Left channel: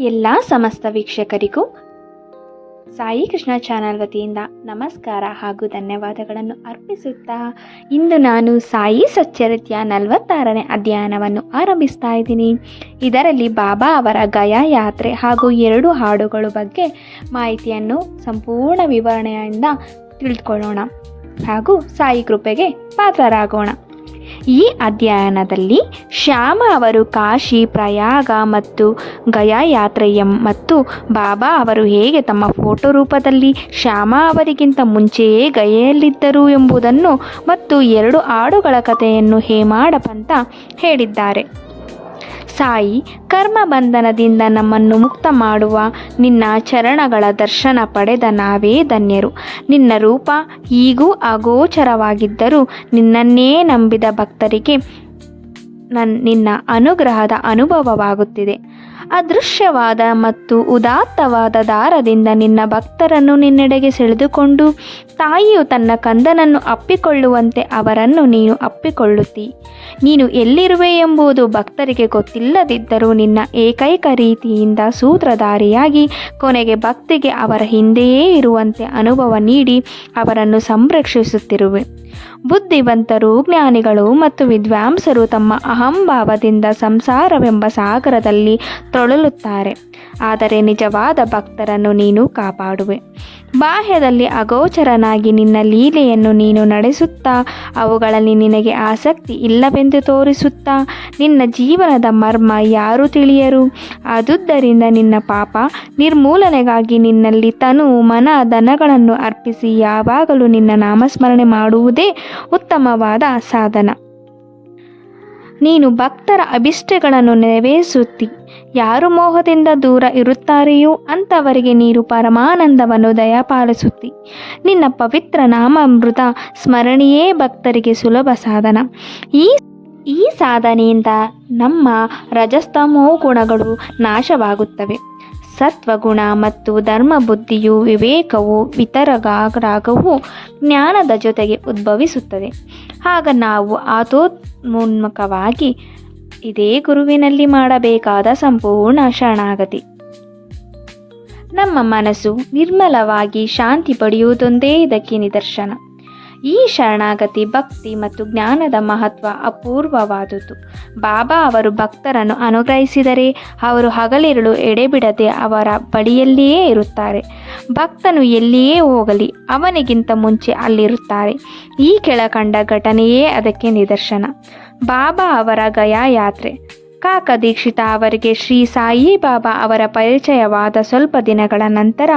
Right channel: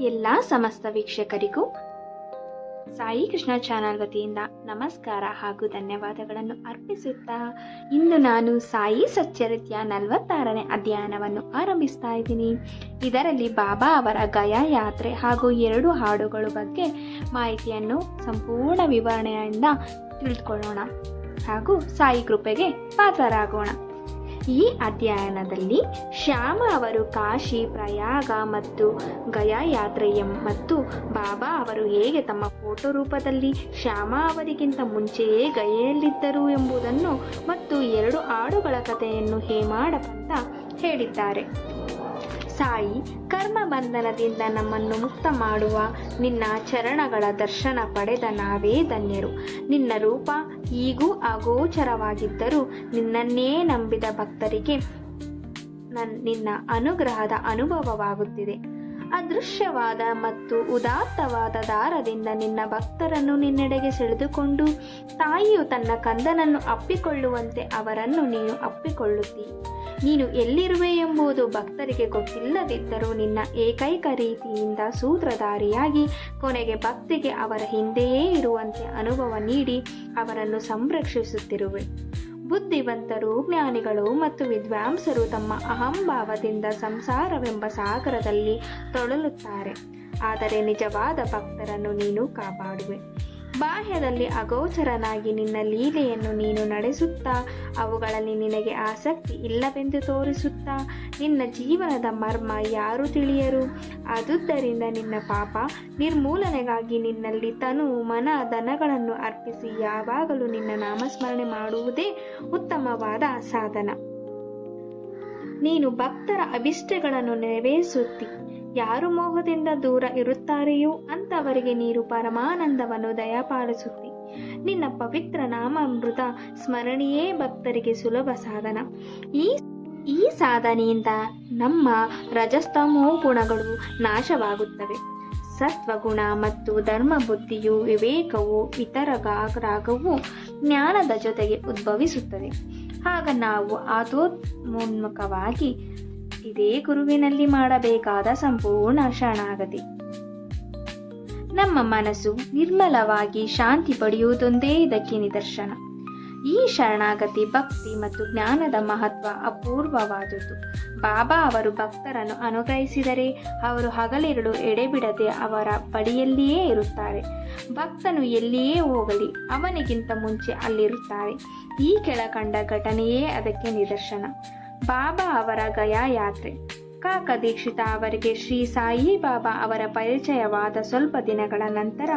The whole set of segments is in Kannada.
ಎಲ್ಲ ಸಮಸ್ತ ವೀಕ್ಷಕರಿಗೂ ಸಾಯಿ ಕೃಷ್ಣ ಚಾನಲ್ ವತಿಯಿಂದ ನಮಸ್ಕಾರ ಹಾಗೂ ಧನ್ಯವಾದಗಳನ್ನು ಅರ್ಪಿಸುತ್ತಾ ಇಂದು ನಾನು ಸಾಯಿ ಸಚ್ಚರಿತ್ಯ ನಲವತ್ತಾರನೇ ಅಧ್ಯಯನವನ್ನು ಆರಂಭಿಸ್ತಾ ಇದ್ದೀನಿ. ಇದರಲ್ಲಿ ಬಾಬಾ ಅವರ ಗಯಾ ಯಾತ್ರೆ ಹಾಗೂ ಎರಡು ಹಾಡುಗಳ ಬಗ್ಗೆ ಮಾಹಿತಿಯನ್ನು ಸಂಪೂರ್ಣ ವಿವರಣೆಯಿಂದ ತಿಳಿದುಕೊಳ್ಳೋಣ ಹಾಗೂ ಸಾಯಿ ಕೃಪೆಗೆ ಪಾತ್ರರಾಗೋಣ. ಈ ಅಧ್ಯಯನದಲ್ಲಿ ಶ್ಯಾಮ ಅವರು ಕಾಶಿ, ಪ್ರಯಾಗ ಮತ್ತು ಗಯಾ ಯಾತ್ರೆಯ ಮತ್ತು ಬಾಬಾ ಅವರು ಹೇಗೆ ತಮ್ಮ ಫೋಟೋ ರೂಪದಲ್ಲಿ ಶ್ಯಾಮ ಅವರಿಗಿಂತ ಮುಂಚೆಯೇ ಗಯೆಯಲ್ಲಿದ್ದರು ಎಂಬುದನ್ನು ಮತ್ತು ಎರಡು ಹಾಡುಗಳ ಕಥೆಯನ್ನು ಹೇಮಾಡಪಂತ ಹೇಳಿದ್ದಾರೆ. ಸಾಯಿ ಕರ್ಮ ಬಂಧನದಿಂದ ನಮ್ಮನ್ನು ಮುಕ್ತ ಮಾಡುವ ನಿನ್ನ ಚರಣಗಳ ದರ್ಶನ ಪಡೆದ ನಾವೇ ಧನ್ಯರು. ನಿನ್ನ ರೂಪ ಈಗೂ ಅಗೋಚರವಾಗಿದ್ದರೂ ನಿನ್ನನ್ನೇ ನಂಬಿದ ಭಕ್ತರಿಗೆ ನನ್ನ ನಿನ್ನ ಅನುಗ್ರಹದ ಅನುಭವವಾಗುತ್ತಿದೆ. ಅದೃಶ್ಯವಾದ ಮತ್ತು ಉದಾತ್ತವಾದ ದಾರದಿಂದ ನಿನ್ನ ಭಕ್ತರನ್ನು ನಿನ್ನೆಡೆಗೆ ಸೆಳೆದುಕೊಂಡು ತಾಯಿಯು ತನ್ನ ಕಂದನನ್ನು ಅಪ್ಪಿಕೊಳ್ಳುವಂತೆ ಅವರನ್ನು ನೀನು ಅಪ್ಪಿಕೊಳ್ಳುತ್ತಿ. ನೀನು ಎಲ್ಲಿರುವೆ ಎಂಬುದು ಭಕ್ತರಿಗೆ ಗೊತ್ತಿಲ್ಲದಿದ್ದರೂ ನಿನ್ನ ಏಕೈಕ ರೀತಿಯಿಂದ ಸೂತ್ರಧಾರಿಯಾಗಿ ಕೊನೆಗೆ ಭಕ್ತಿಗೆ ಅವರ ಹಿಂದೆಯೇ ಇರುವಂತೆ ಅನುಭವ ನೀಡಿ ಅವರನ್ನು ಸಂರಕ್ಷಿಸುತ್ತಿರುವೆ. ಬುದ್ಧಿವಂತರು, ಜ್ಞಾನಿಗಳು ಮತ್ತು ವಿದ್ವಾಂಸರು ತಮ್ಮ ಅಹಂಭಾವದಿಂದ ಸಂಸಾರವೆಂಬ ಸಾಗರದಲ್ಲಿ ತೊಳಲುತ್ತಾರೆ. ಆದರೆ ನಿಜವಾದ ಭಕ್ತರನ್ನು ನೀನು ಕಾಪಾಡುವೆ. ಬಾಹ್ಯದಲ್ಲಿ ಅಗೋಚರನಾಗಿ ನಿನ್ನ ಲೀಲೆಯನ್ನು ನೀನು ನಡೆಸುತ್ತಾ, ಅವುಗಳಲ್ಲಿ ನಿನಗೆ ಆಸಕ್ತಿ ಇಲ್ಲವೆಂದು ತೋರಿಸುತ್ತಾ, ನಿನ್ನ ಜೀವನದ ಮರ್ಮ ಯಾರು ತಿಳಿಯರು? ಆದುದರಿಂದ ನಿನ್ನ ಪಾಪ ನಿರ್ಮೂಲನೆಗಾಗಿ ನಿನ್ನಲ್ಲಿ ತನು ಮನ ದನಗಳನ್ನು ಅರ್ಪಿಸಿ ಯಾವಾಗಲೂ ನಿನ್ನ ನಾಮಸ್ಮರಣೆ ಮಾಡುವುದೇ ಉತ್ತಮವಾದ ಸಾಧನ. ನೀನು ಭಕ್ತರ ಅಭಿಷ್ಟಗಳನ್ನು ನೆರವೇರಿಸುತ್ತಿ ಯಾರು ಮೋಹದಿಂದ ದೂರ ಇರುತ್ತಾರೆಯೋ ಅಂಥವರಿಗೆ ನೀರು ಪರಮಾನಂದವನ್ನು ದಯಪಾಲಿಸುತ್ತಿ. ನಿನ್ನ ಪವಿತ್ರ ನಾಮಾಮೃತ ಸ್ಮರಣೆಯೇ ಭಕ್ತರಿಗೆ ಸುಲಭ ಸಾಧನ. ಈ ಈ ಸಾಧನೆಯಿಂದ ನಮ್ಮ ರಜಸ್ತಮೋ ಗುಣಗಳು ನಾಶವಾಗುತ್ತವೆ. ಸತ್ವಗುಣ ಮತ್ತು ಧರ್ಮ ಬುದ್ಧಿಯು ವಿವೇಕವು ವಿತರಗಾರಾಗವು ಜ್ಞಾನದ ಜೊತೆಗೆ ಉದ್ಭವಿಸುತ್ತದೆ. ಆಗ ನಾವು ಆತೋನ್ಮುಖವಾಗಿ ಇದೇ ಗುರುವಿನಲ್ಲಿ ಮಾಡಬೇಕಾದ ಸಂಪೂರ್ಣ ಶರಣಾಗತಿ. ನಮ್ಮ ಮನಸ್ಸು ನಿರ್ಮಲವಾಗಿ ಶಾಂತಿ ಪಡೆಯುವುದೊಂದೇ ಇದಕ್ಕೆ ನಿದರ್ಶನ. ಈ ಶರಣಾಗತಿ ಭಕ್ತಿ ಮತ್ತು ಜ್ಞಾನದ ಮಹತ್ವ ಅಪೂರ್ವವಾದುದು ಬಾಬಾ ಅವರು ಭಕ್ತರನ್ನು ಅನುಗ್ರಹಿಸಿದರೆ ಅವರು ಹಗಲಿರುಳು ಎಡೆಬಿಡದೆ ಅವರ ಬಳಿಯಲ್ಲಿಯೇ ಇರುತ್ತಾರೆ. ಭಕ್ತನು ಎಲ್ಲಿಯೇ ಹೋಗಲಿ ಅವನಿಗಿಂತ ಮುಂಚೆ ಅಲ್ಲಿರುತ್ತಾರೆ. ಈ ಕೆಳಕಂಡ ಘಟನೆಯೇ ಅದಕ್ಕೆ ನಿದರ್ಶನ. ಬಾಬಾ ಅವರ ಗಯಾ ಯಾತ್ರೆ ಕಾಕ ದೀಕ್ಷಿತ ಅವರಿಗೆ ಶ್ರೀ ಸಾಯಿ ಬಾಬಾ ಅವರ ಪರಿಚಯವಾದ ಸ್ವಲ್ಪ ದಿನಗಳ ನಂತರ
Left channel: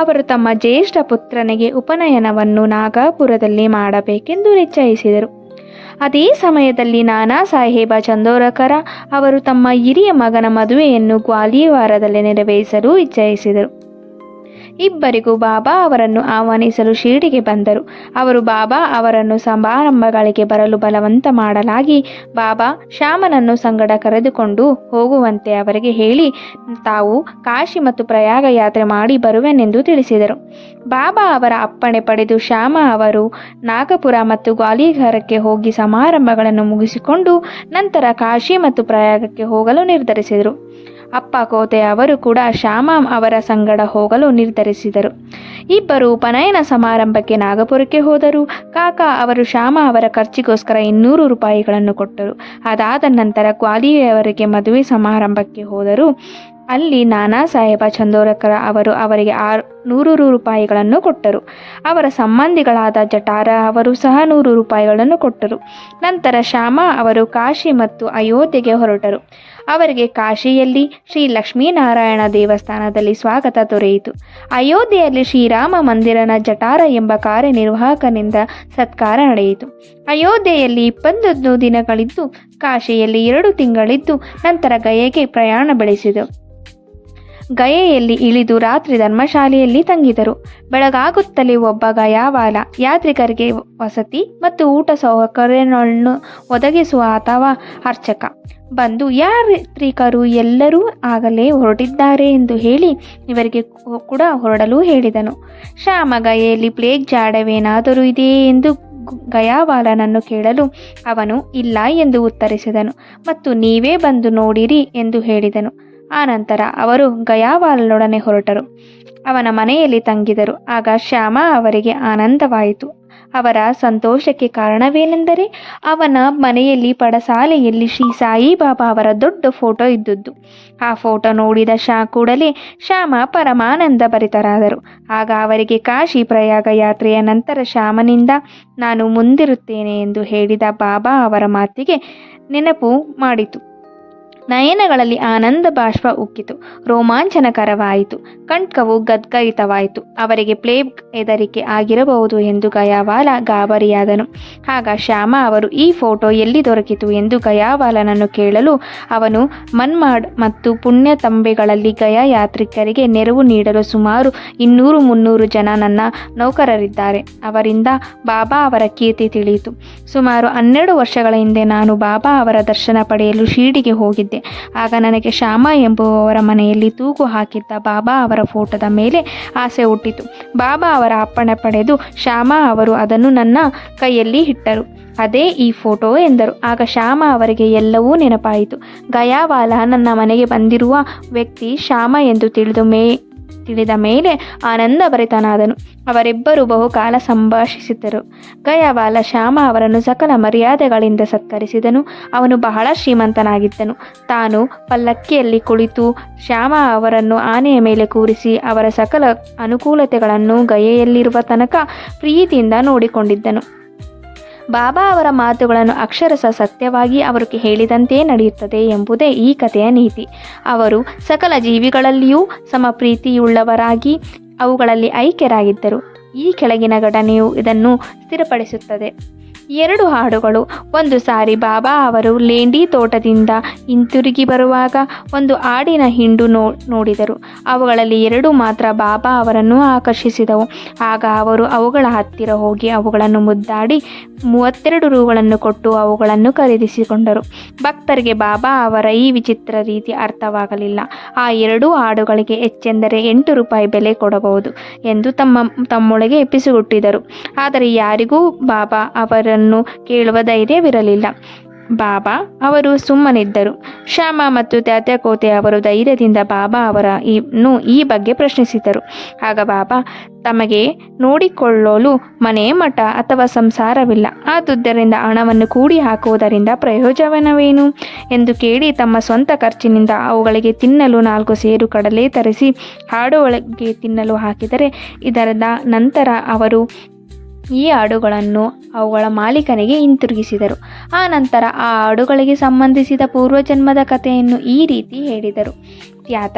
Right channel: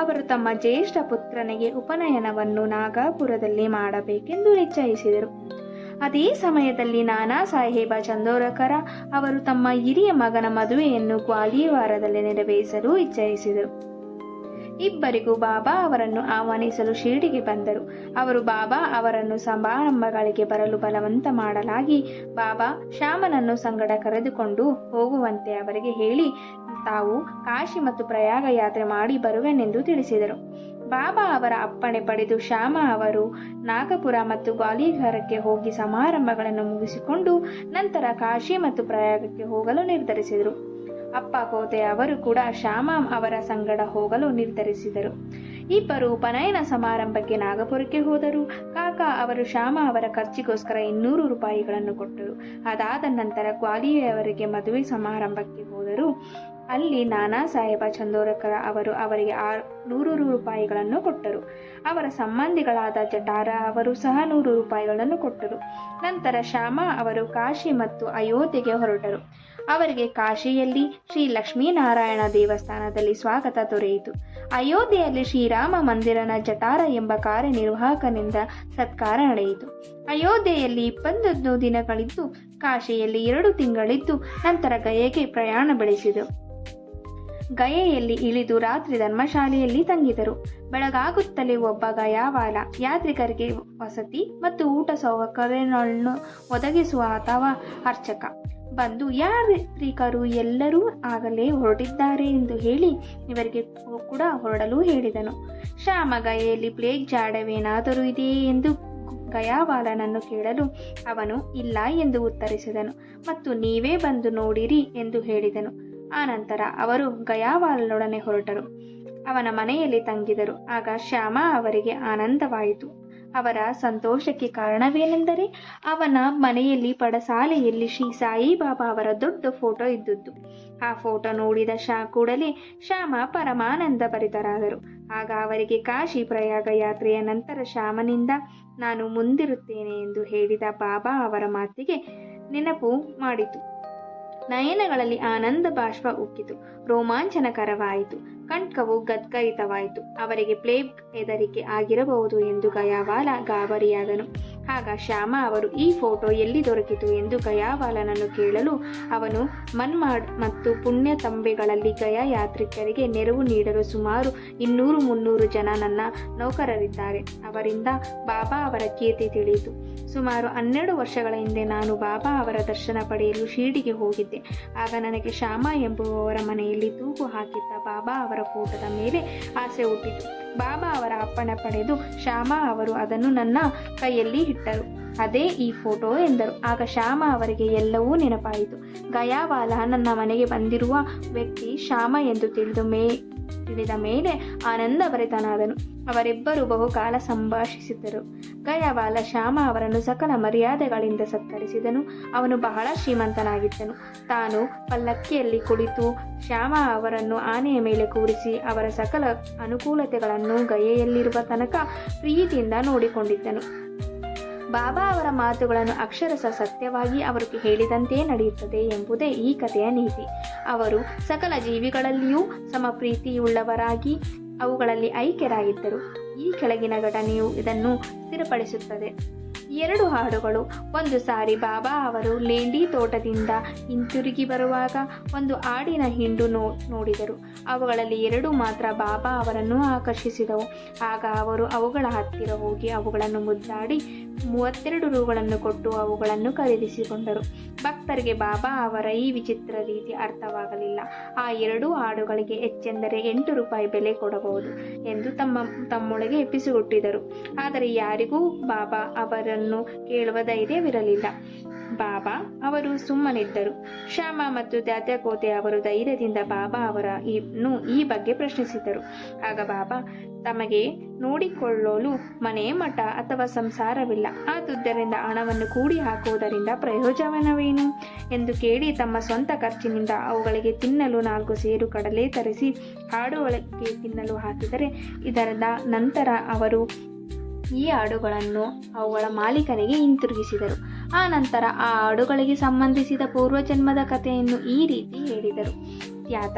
ಅವರು ತಮ್ಮ ಜ್ಯೇಷ್ಠ ಪುತ್ರನಿಗೆ ಉಪನಯನವನ್ನು ನಾಗಾಪುರದಲ್ಲಿ ಮಾಡಬೇಕೆಂದು ನಿಶ್ಚಯಿಸಿದರು. ಅದೇ ಸಮಯದಲ್ಲಿ ನಾನಾ ಸಾಹೇಬ ಚಂದೋರಕರ ಅವರು ತಮ್ಮ ಹಿರಿಯ ಮಗನ ಮದುವೆಯನ್ನು ಗ್ವಾಲಿಯವಾರದಲ್ಲಿ ನೆರವೇರಿಸಲು ಇಚ್ಛಯಿಸಿದರು ಇಬ್ಬರಿಗೂ ಬಾಬಾ ಅವರನ್ನು ಆಹ್ವಾನಿಸಲು ಶಿರಡಿಗೆ ಬಂದರು. ಅವರು ಬಾಬಾ ಅವರನ್ನು ಸಮಾರಂಭಗಳಿಗೆ ಬರಲು ಬಲವಂತ ಮಾಡಲಾಗಿ ಬಾಬಾ ಶ್ಯಾಮನನ್ನು ಸಂಗಡ ಕರೆದುಕೊಂಡು ಹೋಗುವಂತೆ ಅವರಿಗೆ ಹೇಳಿ, ತಾವು ಕಾಶಿ ಮತ್ತು ಪ್ರಯಾಗ ಯಾತ್ರೆ ಮಾಡಿ ಬರುವೆನೆಂದು ತಿಳಿಸಿದರು. ಬಾಬಾ ಅವರ ಅಪ್ಪಣೆ ಪಡೆದು ಶ್ಯಾಮ ಅವರು ನಾಗಪುರ ಮತ್ತು ಗ್ವಾಲಿಘರಕ್ಕೆ ಹೋಗಿ ಸಮಾರಂಭಗಳನ್ನು ಮುಗಿಸಿಕೊಂಡು ನಂತರ ಕಾಶಿ ಮತ್ತು ಪ್ರಯಾಗಕ್ಕೆ ಹೋಗಲು ನಿರ್ಧರಿಸಿದರು. ಅಪ್ಪ ಕೋತೆ ಅವರು ಕೂಡ ಶ್ಯಾಮ ಅವರ ಸಂಗಡ ಹೋಗಲು ನಿರ್ಧರಿಸಿದರು. ಇಬ್ಬರು ಉಪನಯನ ಸಮಾರಂಭಕ್ಕೆ ನಾಗಪುರಕ್ಕೆ ಹೋದರು. ಕಾಕ ಅವರು ಶ್ಯಾಮ ಅವರ ಖರ್ಚಿಗೋಸ್ಕರ ಇನ್ನೂರು ರೂಪಾಯಿಗಳನ್ನು ಕೊಟ್ಟರು. ಅದಾದ ನಂತರ ಗ್ವಾಲಿಯವರಿಗೆ ಮದುವೆ ಸಮಾರಂಭಕ್ಕೆ ಹೋದರು. ಅಲ್ಲಿ ನಾನಾ ಸಾಹೇಬ ಚಂದೋರಕರ ಅವರು ಅವರಿಗೆ ಆರು ನೂರು ರೂಪಾಯಿಗಳನ್ನು ಕೊಟ್ಟರು. ಅವರ ಸಂಬಂಧಿಗಳಾದ ಜಟಾರ ಅವರು ಸಹ ನೂರು ರೂಪಾಯಿಗಳನ್ನು ಕೊಟ್ಟರು. ನಂತರ ಶ್ಯಾಮ ಅವರು ಕಾಶಿ ಮತ್ತು ಅಯೋಧ್ಯೆಗೆ ಹೊರಟರು. ಅವರಿಗೆ ಕಾಶಿಯಲ್ಲಿ ಶ್ರೀ ಲಕ್ಷ್ಮೀನಾರಾಯಣ ದೇವಸ್ಥಾನದಲ್ಲಿ ಸ್ವಾಗತ ದೊರೆಯಿತು. ಅಯೋಧ್ಯೆಯಲ್ಲಿ ಶ್ರೀರಾಮ ಮಂದಿರನ ಜಟಾರ ಎಂಬ ಕಾರ್ಯನಿರ್ವಾಹಕನಿಂದ ಸತ್ಕಾರ ನಡೆಯಿತು. ಅಯೋಧ್ಯೆಯಲ್ಲಿ ಇಪ್ಪತ್ತೊಂದು ದಿನಗಳಿದ್ದು, ಕಾಶಿಯಲ್ಲಿ ಎರಡು ತಿಂಗಳಿದ್ದು, ನಂತರ ಗಯೆಗೆ ಪ್ರಯಾಣ ಬೆಳೆಸಿದರು ಗಯೆಯಲ್ಲಿ ಇಳಿದು ರಾತ್ರಿ ಧರ್ಮಶಾಲೆಯಲ್ಲಿ ತಂಗಿದರು. ಬೆಳಗಾಗುತ್ತಲೇ ಒಬ್ಬ ಗಯಾವಾಲ ಯಾತ್ರಿಕರಿಗೆ ವಸತಿ ಮತ್ತು ಊಟ ಸೌಕರ್ಯಗಳನ್ನು ಒದಗಿಸುವ ಅಥವಾ ಅರ್ಚಕ. ಬಂದು, ಯಾತ್ರಿಕರು ಎಲ್ಲರೂ ಆಗಲೇ ಹೊರಟಿದ್ದಾರೆ ಎಂದು ಹೇಳಿ ಇವರಿಗೆ ಕೂಡ ಹೊರಡಲು ಹೇಳಿದನು. ಶ್ಯಾಮ ಗಯೆಯಲ್ಲಿ ಪ್ಲೇಗ್ ಜಾಡವೇನಾದರೂ ಇದೆಯೇ ಎಂದು ಗಯಾವಾಲನನ್ನು ಕೇಳಲು ಅವನು ಇಲ್ಲ ಎಂದು ಉತ್ತರಿಸಿದನು. ಮತ್ತು ನೀವೇ ಬಂದು ನೋಡಿರಿ ಎಂದು ಹೇಳಿದನು. ಆನಂತರ ಅವರು ಗಯಾವಾಲನೊಡನೆ ಹೊರಟರು. ಅವನ ಮನೆಯಲ್ಲಿ ತಂಗಿದರು. ಆಗ ಶ್ಯಾಮ ಅವರಿಗೆ ಆನಂದವಾಯಿತು. ಅವರ ಸಂತೋಷಕ್ಕೆ ಕಾರಣವೇನೆಂದರೆ ಅವನ ಮನೆಯಲ್ಲಿ ಪಡಸಾಲೆಯಲ್ಲಿ ಶ್ರೀ ಸಾಯಿಬಾಬಾ ಅವರ ದೊಡ್ಡ ಫೋಟೋ ಇದ್ದದ್ದು. ಆ ಫೋಟೋ ನೋಡಿದ ಶಾ ಕೂಡಲೇ ಶ್ಯಾಮ ಪರಮಾನಂದ ಭರಿತರಾದರು. ಆಗ ಅವರಿಗೆ ಕಾಶಿ ಪ್ರಯಾಗ ಯಾತ್ರೆಯ ನಂತರ ಶ್ಯಾಮನಿಂದ, ನಾನು ಮುಂದಿರುತ್ತೇನೆ ಎಂದು ಹೇಳಿದ ಬಾಬಾ ಅವರ ಮಾತಿಗೆ ನೆನಪು ಮಾಡಿತು. ನಯನಗಳಲ್ಲಿ ಆನಂದ ಬಾಷ್ಪ ಉಕ್ಕಿತು. ರೋಮಾಂಚನಕರವಾಯಿತು. ಕಂಠವು ಗದ್ಗರಿತವಾಯಿತು. ಅವರಿಗೆ ಪ್ಲೇಗ್ ಹೆದರಿಕೆ ಆಗಿರಬಹುದು ಎಂದು ಗಯಾವಾಲ ಗಾಬರಿಯಾದನು. ಆಗ ಶ್ಯಾಮ ಅವರು, ಈ ಫೋಟೋ ಎಲ್ಲಿ ದೊರಕಿತು? ಎಂದು ಗಯಾವಾಲನನ್ನು ಕೇಳಲು ಅವನು ಮನ್ಮಾಡ್ ಮತ್ತು ಪುಣ್ಯ ತಂಬೆಗಳಲ್ಲಿ ಗಯಾ ಯಾತ್ರಿಕರಿಗೆ ನೆರವು ನೀಡಲು ಸುಮಾರು ಇನ್ನೂರು ಮುನ್ನೂರು ಜನ ನನ್ನ ನೌಕರರಿದ್ದಾರೆ. ಅವರಿಂದ ಬಾಬಾ ಅವರ ಕೀರ್ತಿ ತಿಳಿಯಿತು. ಸುಮಾರು ಹನ್ನೆರಡು ವರ್ಷಗಳ ಹಿಂದೆ ನಾನು ಬಾಬಾ ಅವರ ದರ್ಶನ ಪಡೆಯಲು ಶಿರ್ಡಿಗೆ ಹೋಗಿದ್ದೆ. ಆಗ ನನಗೆ ಶ್ಯಾಮ ಎಂಬುವವರ ಮನೆಯಲ್ಲಿ ತೂಗು ಹಾಕಿದ್ದ ಬಾಬಾ ಅವರ ಫೋಟೋದ ಮೇಲೆ ಆಸೆ ಹುಟ್ಟಿತು. ಬಾಬಾ ಅವರ ಅಪ್ಪಣೆ ಪಡೆದು ಶ್ಯಾಮ ಅವರು ಅದನ್ನು ನನ್ನ ಕೈಯಲ್ಲಿ ಇಟ್ಟರು. ಅದೇ ಈ ಫೋಟೋ ಎಂದರು. ಆಗ ಶ್ಯಾಮ ಅವರಿಗೆ ಎಲ್ಲವೂ ನೆನಪಾಯಿತು. ಗಯಾವಾಲ ನನ್ನ ಮನೆಗೆ ಬಂದಿರುವ ವ್ಯಕ್ತಿ ಶ್ಯಾಮ ಎಂದು ತಿಳಿದು ಮೇ ತಿಳಿದ ಮೇಲೆ ಆನಂದಭರಿತನಾದನು ಅವರಿಬ್ಬರು ಬಹುಕಾಲ ಸಂಭಾಷಿಸಿದರು. ಗಯವಾಲ ಶ್ಯಾಮ ಅವರನ್ನು ಸಕಲ ಮರ್ಯಾದೆಗಳಿಂದ ಸತ್ಕರಿಸಿದನು. ಅವನು ಬಹಳ ಶ್ರೀಮಂತನಾಗಿದ್ದನು. ತಾನು ಪಲ್ಲಕ್ಕಿಯಲ್ಲಿ ಕುಳಿತು ಶ್ಯಾಮ ಅವರನ್ನು ಆನೆಯ ಮೇಲೆ ಕೂರಿಸಿ ಅವರ ಸಕಲ ಅನುಕೂಲತೆಗಳನ್ನು ಗಯೆಯಲ್ಲಿರುವ ತನಕ ಪ್ರೀತಿಯಿಂದ ನೋಡಿಕೊಂಡಿದ್ದನು. ಬಾಬಾ ಅವರ ಮಾತುಗಳನ್ನು ಅಕ್ಷರಶಃ ಸತ್ಯವಾಗಿ ಅವರು ಹೇಳಿದಂತೆಯೇ ನಡೆಯುತ್ತದೆ ಎಂಬುದೇ ಈ ಕಥೆಯ ನೀತಿ. ಅವರು ಸಕಲ ಜೀವಿಗಳಲ್ಲಿಯೂ ಸಮ ಪ್ರೀತಿಯುಳ್ಳವರಾಗಿ ಅವುಗಳಲ್ಲಿ ಐಕ್ಯರಾಗಿದ್ದರು. ಈ ಕೆಳಗಿನ ಘಟನೆಯು ಇದನ್ನು ಸ್ಥಿರಪಡಿಸುತ್ತದೆ. ಎರಡು ಹಾಡುಗಳು. ಒಂದು ಸಾರಿ ಬಾಬಾ ಅವರು ಲೇಂಡಿ ತೋಟದಿಂದ ಹಿಂತಿರುಗಿ ಬರುವಾಗ ಒಂದು ಆಡಿನ ಹಿಂಡು ನೋ, ನೋಡಿದರು. ಅವುಗಳಲ್ಲಿ ಎರಡು ಮಾತ್ರ ಬಾಬಾ ಅವರನ್ನು ಆಕರ್ಷಿಸಿದವು. ಆಗ ಅವರು ಅವುಗಳ ಹತ್ತಿರ ಹೋಗಿ ಅವುಗಳನ್ನು ಮುದ್ದಾಡಿ ಮೂವತ್ತೆರಡು ರೂಗಳನ್ನು ಕೊಟ್ಟು ಅವುಗಳನ್ನು ಖರೀದಿಸಿಕೊಂಡರು. ಭಕ್ತರಿಗೆ ಬಾಬಾ ಅವರ ಈ ವಿಚಿತ್ರ ರೀತಿ ಅರ್ಥವಾಗಲಿಲ್ಲ. ಆ ಎರಡೂ ಹಾಡುಗಳಿಗೆ ಹೆಚ್ಚೆಂದರೆ ಎಂಟು ರೂಪಾಯಿ ಬೆಲೆ ಕೊಡಬಹುದು ಎಂದು ತಮ್ಮ, ತಮ್ಮೊಳಗೆ ಎಪ್ಪಿಸಿಗುಟ್ಟಿದರು ಆದರೆ ಯಾರಿಗೂ ಬಾಬಾ ಅವರನ್ನು ಕೇಳುವ ಧೈರ್ಯವಿರಲಿಲ್ಲ. ಬಾಬಾ ಅವರು ಸುಮ್ಮನಿದ್ದರು. ಶ್ಯಾಮ ಮತ್ತು ತ್ಯಾತ್ಯಕೋತೆ ಅವರು ಧೈರ್ಯದಿಂದ ಬಾಬಾ ಅವರ ಇನ್ನು ಈ ಬಗ್ಗೆ ಪ್ರಶ್ನಿಸಿದರು. ಆಗ ಬಾಬಾ, ತಮಗೆ ನೋಡಿಕೊಳ್ಳಲು ಮನೆ ಮಠ ಅಥವಾ ಸಂಸಾರವಿಲ್ಲ. ಆದುದರಿಂದ ಹಣವನ್ನು ಕೂಡಿ ಹಾಕುವುದರಿಂದ ಪ್ರಯೋಜನವೇನು? ಎಂದು ಕೇಳಿ ತಮ್ಮ ಸ್ವಂತ ಖರ್ಚಿನಿಂದ ಅವುಗಳಿಗೆ ತಿನ್ನಲು ನಾಲ್ಕು ಸೇರು ಕಡಲೆ ತರಿಸಿ ಹಾಡುವಳಿಗೆ ತಿನ್ನಲು ಹಾಕಿದರೆ ಇದರದ ನಂತರ ಅವರು ಈ ಹಾಡುಗಳನ್ನು ಅವುಗಳ ಮಾಲೀಕನಿಗೆ ಹಿಂತಿರುಗಿಸಿದರು. ಆ ನಂತರ ಆ ಹಾಡುಗಳಿಗೆ ಸಂಬಂಧಿಸಿದ ಪೂರ್ವಜನ್ಮದ ಕಥೆಯನ್ನು ಈ ರೀತಿ ಹೇಳಿದರು. ತ್ಯಾತ,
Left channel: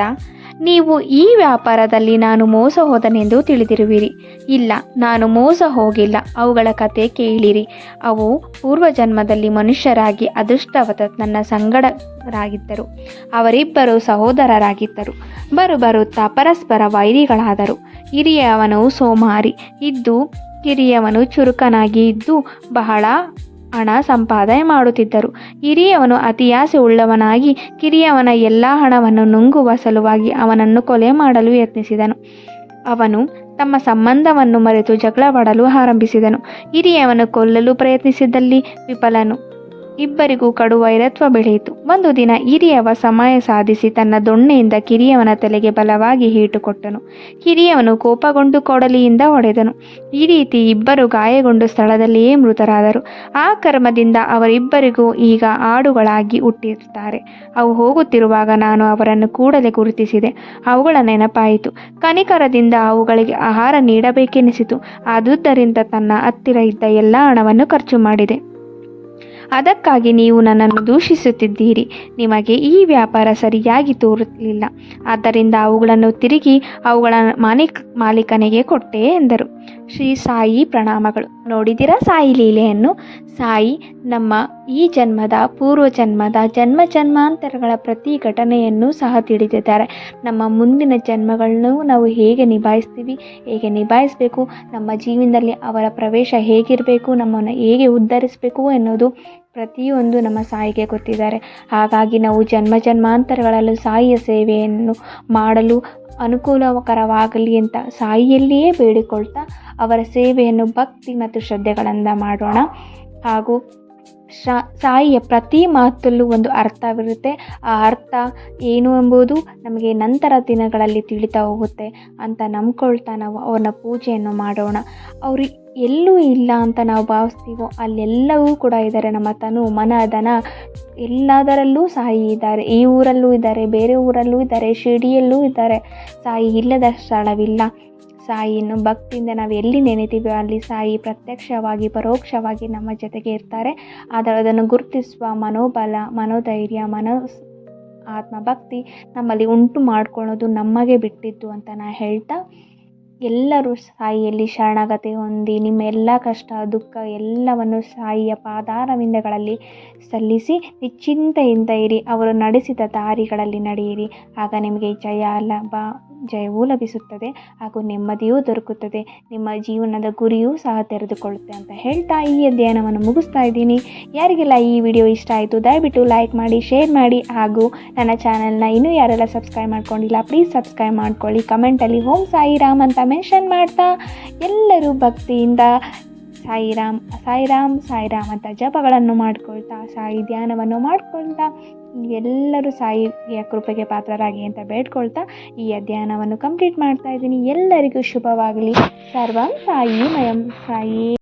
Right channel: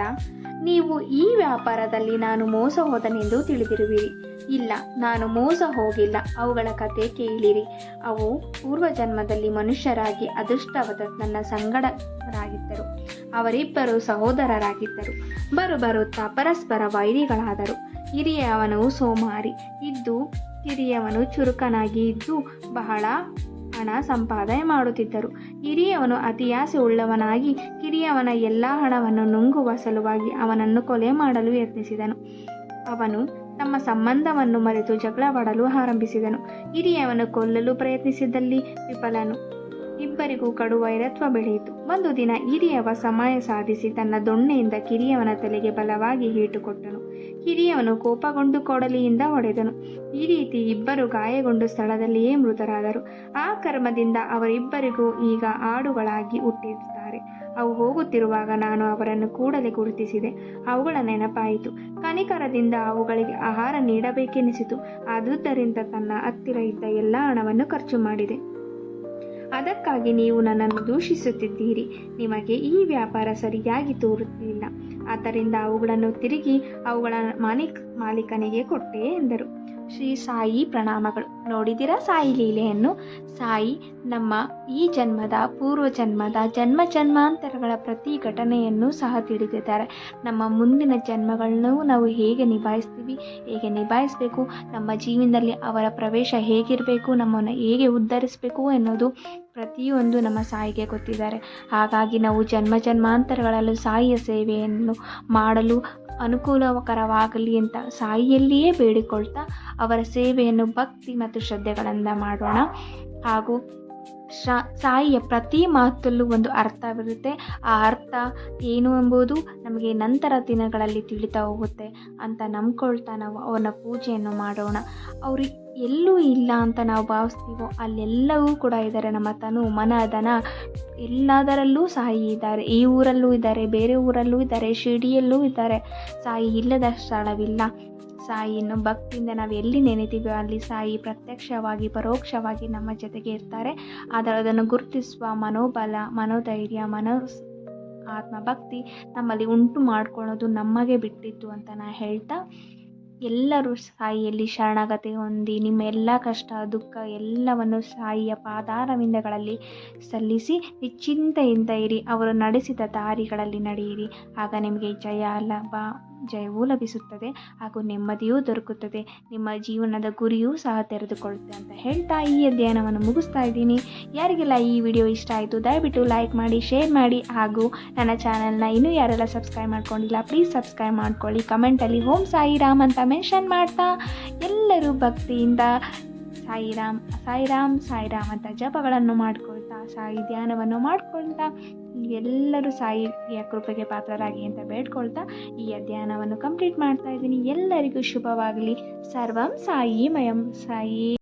ನೀವು ಈ ವ್ಯಾಪಾರದಲ್ಲಿ ನಾನು ಮೋಸ ಹೋದನೆಂದು ತಿಳಿದಿರುವಿರಿ. ಇಲ್ಲ, ನಾನು ಮೋಸ ಹೋಗಿಲ್ಲ. ಅವುಗಳ ಕತೆ ಕೇಳಿರಿ. ಅವು ಪೂರ್ವಜನ್ಮದಲ್ಲಿ ಮನುಷ್ಯರಾಗಿ ಅದೃಷ್ಟವತ ನನ್ನ ಸಂಗಡರಾಗಿದ್ದರು. ಅವರಿಬ್ಬರು ಸಹೋದರರಾಗಿದ್ದರು. ಬರು ಬರುತ್ತಾ ಪರಸ್ಪರ ವೈರಿಗಳಾದರು. ಹಿರಿಯವನು ಸೋಮಾರಿ. ಇದ್ದು ಕಿರಿಯವನು ಚುರುಕನಾಗಿ ಇದ್ದು ಬಹಳ ಹಣ ಸಂಪಾದನೆ ಮಾಡುತ್ತಿದ್ದರು. ಹಿರಿಯವನು ಅತಿಯಾಸೆ ಉಳ್ಳವನಾಗಿ ಕಿರಿಯವನ ಎಲ್ಲ ಹಣವನ್ನು ನುಂಗುವ ಸಲುವಾಗಿ ಅವನನ್ನು ಕೊಲೆ ಮಾಡಲು ಯತ್ನಿಸಿದನು. ಅವನು ತಮ್ಮ ಸಂಬಂಧವನ್ನು ಮರೆತು ಜಗಳವಾಡಲು ಆರಂಭಿಸಿದನು. ಹಿರಿಯವನು ಕೊಲ್ಲಲು ಪ್ರಯತ್ನಿಸಿದಲ್ಲಿ ವಿಫಲನು. ಇಬ್ಬರಿಗೂ ಕಡು ವೈರತ್ವ ಬೆಳೆಯಿತು. ಒಂದು ದಿನ ಹಿರಿಯವ ಸಮಯ ಸಾಧಿಸಿ ತನ್ನ ದೊಣ್ಣೆಯಿಂದ ಕಿರಿಯವನ ತಲೆಗೆ ಬಲವಾಗಿ ಹೀಟು ಕೊಟ್ಟನು ಕಿರಿಯವನು ಕೋಪಗೊಂಡು ಕೊಡಲಿಯಿಂದ ಹೊಡೆದನು. ಈ ರೀತಿ ಇಬ್ಬರು ಗಾಯಗೊಂಡು ಸ್ಥಳದಲ್ಲಿಯೇ ಮೃತರಾದರು. ಆ ಕರ್ಮದಿಂದ ಅವರಿಬ್ಬರಿಗೂ ಈಗ ಆಡುಗಳಾಗಿ ಹುಟ್ಟಿರುತ್ತಾರೆ. ಅವು ಹೋಗುತ್ತಿರುವಾಗ ನಾನು ಅವರನ್ನು ಕೂಡಲೇ ಗುರುತಿಸಿದೆ. ಅವುಗಳ ನೆನಪಾಯಿತು. ಕನಿಕರದಿಂದ ಅವುಗಳಿಗೆ ಆಹಾರ ನೀಡಬೇಕೆನಿಸಿತು. ಆದುದರಿಂದ ತನ್ನ ಹತ್ತಿರ ಇದ್ದ ಎಲ್ಲ ಹಣವನ್ನು ಖರ್ಚು ಮಾಡಿದೆ. ಅದಕ್ಕಾಗಿ ನೀವು ನನ್ನನ್ನು ದೂಷಿಸುತ್ತಿದ್ದೀರಿ. ನಿಮಗೆ ಈ ವ್ಯಾಪಾರ ಸರಿಯಾಗಿ ತೋರುತ್ತಿಲ್ಲ. ಆದ್ದರಿಂದ ಅವುಗಳನ್ನು ತಿರುಗಿ ಅವುಗಳ ಮಾಲೀಕ ಮಾಲೀಕನಿಗೆ ಕೊಟ್ಟೆ ಎಂದರು. ಶ್ರೀ ಸಾಯಿ ಪ್ರಣಾಮಗಳು. ನೋಡಿದಿರಾ ಸಾಯಿ ಲೀಲೆಯನ್ನು? ಸಾಯಿ, ನಮ್ಮ ಈ ಜನ್ಮದ ಪೂರ್ವ ಜನ್ಮದ ಜನ್ಮ ಜನ್ಮಾಂತರಗಳ ಪ್ರತಿ ಘಟನೆಯನ್ನು ಸಹ ತಿಳಿದಿದ್ದಾರೆ. ನಮ್ಮ ಮುಂದಿನ ಜನ್ಮಗಳನ್ನು ನಾವು ಹೇಗೆ ನಿಭಾಯಿಸ್ತೀವಿ, ಹೇಗೆ ನಿಭಾಯಿಸಬೇಕು, ನಮ್ಮ ಜೀವನದಲ್ಲಿ ಅವರ ಪ್ರವೇಶ ಹೇಗಿರಬೇಕು, ನಮ್ಮನ್ನು ಹೇಗೆ ಉದ್ಧರಿಸಬೇಕು ಎನ್ನುವುದು ಪ್ರತಿಯೊಂದು ನಮ್ಮ ಸಾಯಿಗೆ ಗೊತ್ತಿದ್ದಾರೆ ಹಾಗಾಗಿ ನಾವು ಜನ್ಮ ಜನ್ಮಾಂತರಗಳಲ್ಲೂ ಸಾಯಿಯ ಸೇವೆಯನ್ನು ಮಾಡಲು ಅನುಕೂಲಕರವಾಗಲಿ ಅಂತ ಸಾಯಿಯಲ್ಲಿಯೇ ಬೇಡಿಕೊಳ್ತಾ ಅವರ ಸೇವೆಯನ್ನು ಭಕ್ತಿ ಮತ್ತು ಶ್ರದ್ಧೆಗಳಿಂದ ಮಾಡೋಣ. ಹಾಗೂ ಸಾಯಿಯ ಪ್ರತಿ ಮಾತಲ್ಲೂ ಒಂದು ಅರ್ಥವಿರುತ್ತೆ. ಆ ಅರ್ಥ ಏನು ಎಂಬುದು ನಮಗೆ ನಂತರ ದಿನಗಳಲ್ಲಿ ತಿಳಿತಾ ಹೋಗುತ್ತೆ ಅಂತ ನಂಬ್ಕೊಳ್ತಾ ನಾವು ಅವ್ರನ್ನ ಪೂಜೆಯನ್ನು ಮಾಡೋಣ. ಅವರು ಎಲ್ಲೂ ಇಲ್ಲ ಅಂತ ನಾವು ಭಾವಿಸ್ತೀವೋ, ಅಲ್ಲೆಲ್ಲವೂ ಕೂಡ ಇದ್ದಾರೆ ನಮ್ಮ ತನು, ಮನ ಧನ ಎಲ್ಲದರಲ್ಲೂ ಸಾಯಿ ಇದ್ದಾರೆ. ಈ ಊರಲ್ಲೂ ಇದ್ದಾರೆ, ಬೇರೆ ಊರಲ್ಲೂ ಇದ್ದಾರೆ, ಶಿರ್ಡಿಯಲ್ಲೂ ಇದ್ದಾರೆ. ಸಾಯಿ ಇಲ್ಲದ ಸ್ಥಳವಿಲ್ಲ. ಸಾಯಿಯನ್ನು ಭಕ್ತಿಯಿಂದ ನಾವು ಎಲ್ಲಿ ನೆನೆತೀವೋ ಅಲ್ಲಿ ಸಾಯಿ ಪ್ರತ್ಯಕ್ಷವಾಗಿ, ಪರೋಕ್ಷವಾಗಿ ನಮ್ಮ ಜೊತೆಗೆ ಇರ್ತಾರೆ. ಆದರೆ ಅದನ್ನು ಗುರುತಿಸುವ ಮನೋಬಲ, ಮನೋಧೈರ್ಯ, ಮನೋ ಆತ್ಮಭಕ್ತಿ ನಮ್ಮಲ್ಲಿ ಉಂಟು ಮಾಡ್ಕೊಳ್ಳೋದು ನಮಗೆ ಬಿಟ್ಟಿದ್ದು ಅಂತ ನಾ ಹೇಳ್ತಾ ಎಲ್ಲರೂ ಸಾಯಿಯಲ್ಲಿ ಶರಣಾಗತಿ ಹೊಂದಿ ನಿಮ್ಮ ಎಲ್ಲ ಕಷ್ಟ, ದುಃಖ ಎಲ್ಲವನ್ನು ಸಾಯಿಯ ಪಾದಾರವಿಂದಗಳಲ್ಲಿ ಸಲ್ಲಿಸಿ ನಿಶ್ಚಿಂತೆಯಿಂದ ಇರಿ. ಅವರು ನಡೆಸಿದ ದಾರಿಗಳಲ್ಲಿ ನಡೆಯಿರಿ. ಆಗ ನಿಮಗೆ ಜಯ, ಲಾಭ ಜಯವೂ ಲಭಿಸುತ್ತದೆ ಹಾಗೂ ನೆಮ್ಮದಿಯೂ ದೊರಕುತ್ತದೆ. ನಿಮ್ಮ ಜೀವನದ ಗುರಿಯೂ ಸಹ ತೆರೆದುಕೊಳ್ಳುತ್ತೆ ಅಂತ ಹೇಳ್ತಾ ಈ ಅಧ್ಯಯನವನ್ನು ಮುಗಿಸ್ತಾ ಇದ್ದೀನಿ. ಯಾರಿಗೆಲ್ಲ ಈ ವಿಡಿಯೋ ಇಷ್ಟ ಆಯಿತು, ದಯವಿಟ್ಟು ಲೈಕ್ ಮಾಡಿ ಶೇರ್ ಮಾಡಿ ಹಾಗೂ ನನ್ನ ಚಾನಲ್ನ ಇನ್ನೂ ಯಾರೆಲ್ಲ ಸಬ್ಸ್ಕ್ರೈಬ್ ಮಾಡ್ಕೊಂಡಿಲ್ಲ ಪ್ಲೀಸ್ ಸಬ್ಸ್ಕ್ರೈಬ್ ಮಾಡ್ಕೊಳ್ಳಿ. ಕಮೆಂಟಲ್ಲಿ ಓಂ ಸಾಯಿರಾಮ್ ಅಂತ ಮೆನ್ಷನ್ ಮಾಡ್ತಾ ಎಲ್ಲರೂ ಭಕ್ತಿಯಿಂದ ಸಾಯಿರಾಮ್ ಸಾಯಿರಾಮ್ ಸಾಯಿರಾಮ್ ಅಂತ ಜಪಗಳನ್ನು ಮಾಡ್ಕೊಳ್ತಾ, ಸಾಯಿ ಧ್ಯಾನವನ್ನು ಮಾಡ್ಕೊಳ್ತಾ ಎಲ್ಲರೂ ಸಾಯಿಯ ಕೃಪೆಗೆ ಪಾತ್ರರಾಗಿ ಅಂತ ಬೇಡ್ಕೊಳ್ತಾ ಈ ಅಧ್ಯಯನವನ್ನು ಕಂಪ್ಲೀಟ್ ಮಾಡ್ತಾ ಇದ್ದೀನಿ. ಎಲ್ಲರಿಗೂ ಶುಭವಾಗಲಿ. ಸರ್ವಂ ಸಾಯಿ ಮಯಂ ಸಾಯಿ.